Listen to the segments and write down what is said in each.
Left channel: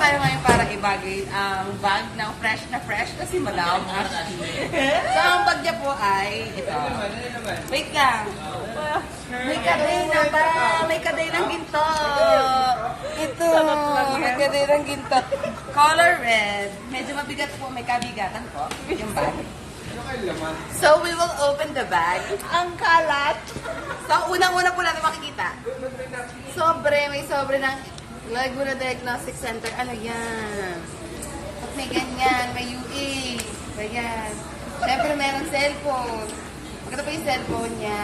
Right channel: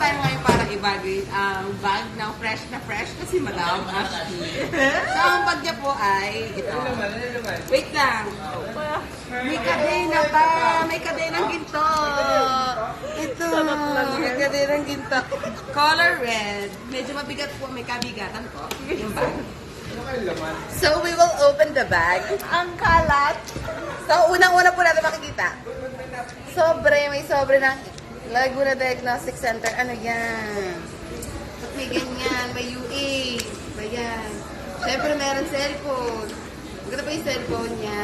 tayo ngayon para ibagay ang bag ng fresh na fresh kasi madam. So, ang bag niya po ay ito. Wait lang. May kadena pa. May kadenang ginto. Ito. May kadenang ginto. Color red. Medyo mabigat po. May kabigatan po. Yung bag. So, we will open the bag. Ang kalat. So, unang-una po natin makikita. May sobre ng Laguna Diagnostic Center. Ano yan? Ba't may ganyan? May UA. Ganyan. Siyempre, meron cellphone. Maganda pa yung cellphone niya.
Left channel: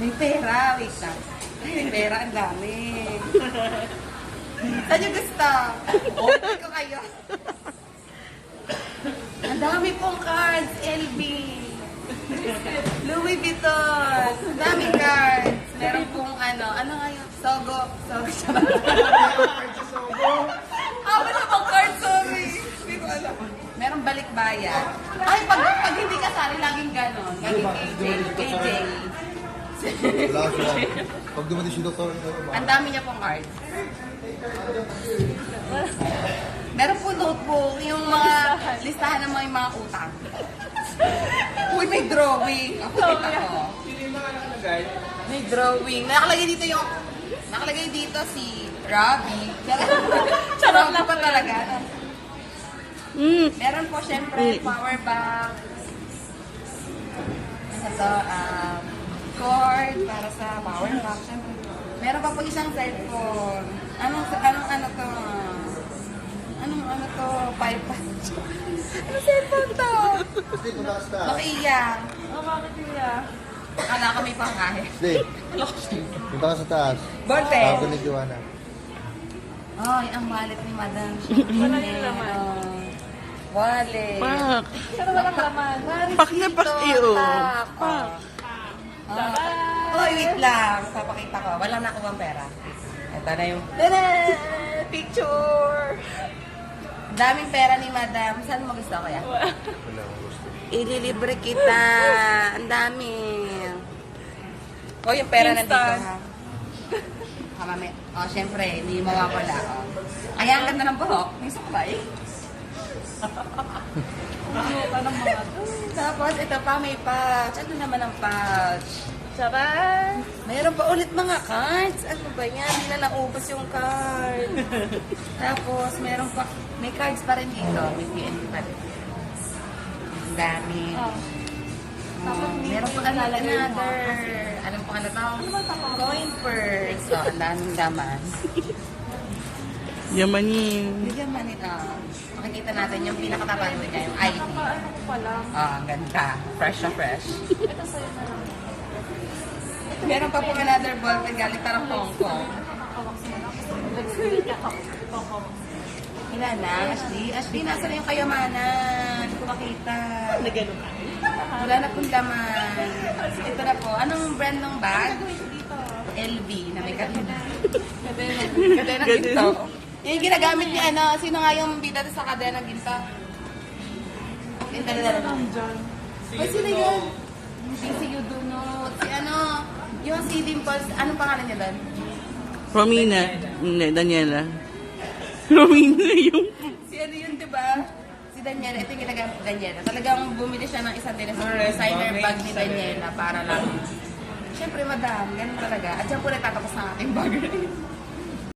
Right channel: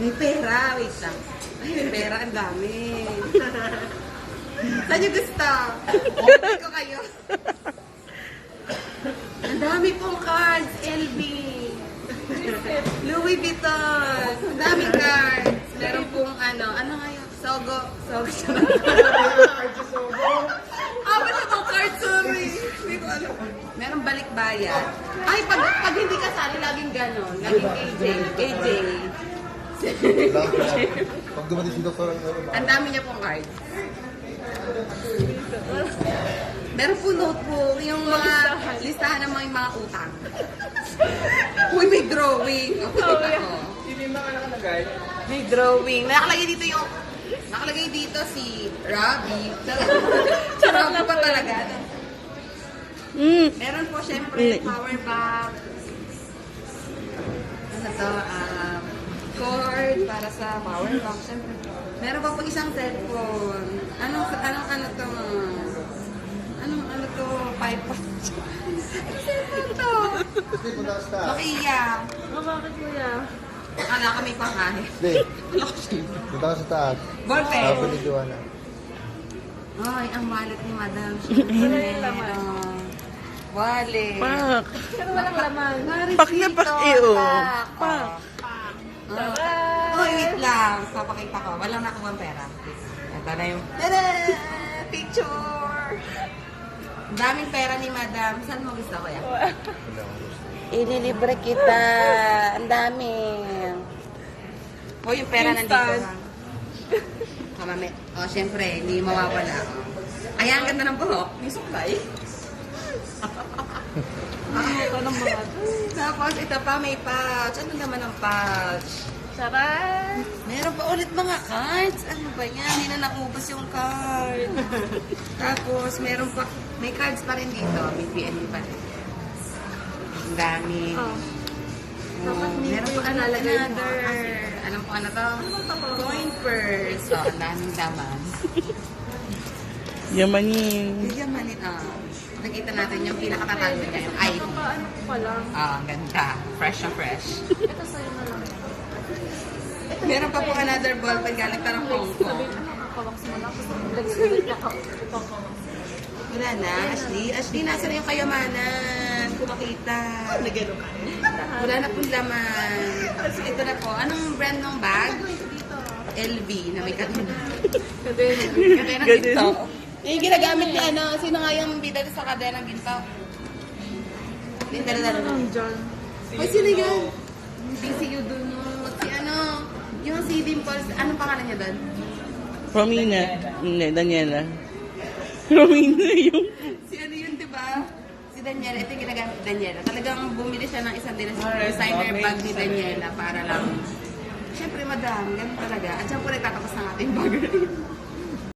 May pera. Wait lang. Ay, may pera. Ang dami. Saan niyo gusto? Okay ko kayo. Ang dami pong cards. LB. Louis Vuitton. Ang dami cards. Meron pong ano nga yun? Sogo. Sogo. Meron pong cards, sorry. Meron balikbayan. Ay, pag hindi kasali, laging ganon. Laging AJ. Pag dumating si Dr. Ang dami niya pong cards. Meron po notebook, yung mga listahan ng mga utang. Uy, may drawing. Ako, kita ko. May drawing. Nakalagay dito si Robbie. Charot na pa talaga. Meron po, syempre, power bank. Cord para sa power bank. Syempre. Meron pa po isang cellphone. Ano to? Ano to? 5 pounds. Ano cellphone to? Hindi, punta ka sa taas. Nokia. Bakit kuya? Akala kami pangahe. Hindi. Punta ka sa taas. Ballpen. Sabi ni Joanna. Ay, ang wallet ni madam. Wallet. Pak. Pero walang laman. Pak na pak iyo. Pak. Oh, wait lang. Papakita ko. Wala na akong pera. Ito na yung... Tada! Picture! Daming pera ni madam. Saan mo gusto ko yan? Wala akong gusto. Ililibre kita. Ang dami. Oh, yung pera nandito na. Kamami. Oh, syempre, hindi mawawala. Oh. Kaya ang ganda ng buhok. May suklay. Tapos, ito pa, may pouch. Ano naman ang pouch? Sarap! Mayroon pa ulit mga cards. Ano ba yan? Hindi na naubos yung card. Tapos, meron pa, may cards pa rin dito. May PNP pa rin. Ang dami. Meron pa another. Alam ko ano to? Coin purse. So, ang daming daman. Yamanin. Bigyan man ito. Makikita natin yung pinakatatago niya. Yung ID. Ano ko pa lang. Ang ganda. Fresh na fresh. Ito sa'yo na lang. Meron pa po another ballpen galing parang Hong Kong. Nakakawaks mo lang. Nakakawaks. Wala na, Ashley. Ashley, nasa na yung kayamanan? Kumakita. Nagano ka? Wala na pong laman. Ito na po. Anong brand ng bag? Dito. LV na may katulad. Sabi mo. Ganun. Yung ginagamit niya, ano, sino nga yung dito sa kadena ng ginto? Yung dali-dali. John. Ay, sino yun? Si Udunot. Si ano, yung si Dimples, anong pangalan niya doon? Romina. Hindi, Daniela. Romina yung... Si ano yun, diba? Si Daniela, ito yung ginagamit ni Daniela. Talagang bumili siya ng isang designer bag ni Daniela para lang. Siyempre, madam, ganun talaga. At siyang po nagtatapos ng ating bag.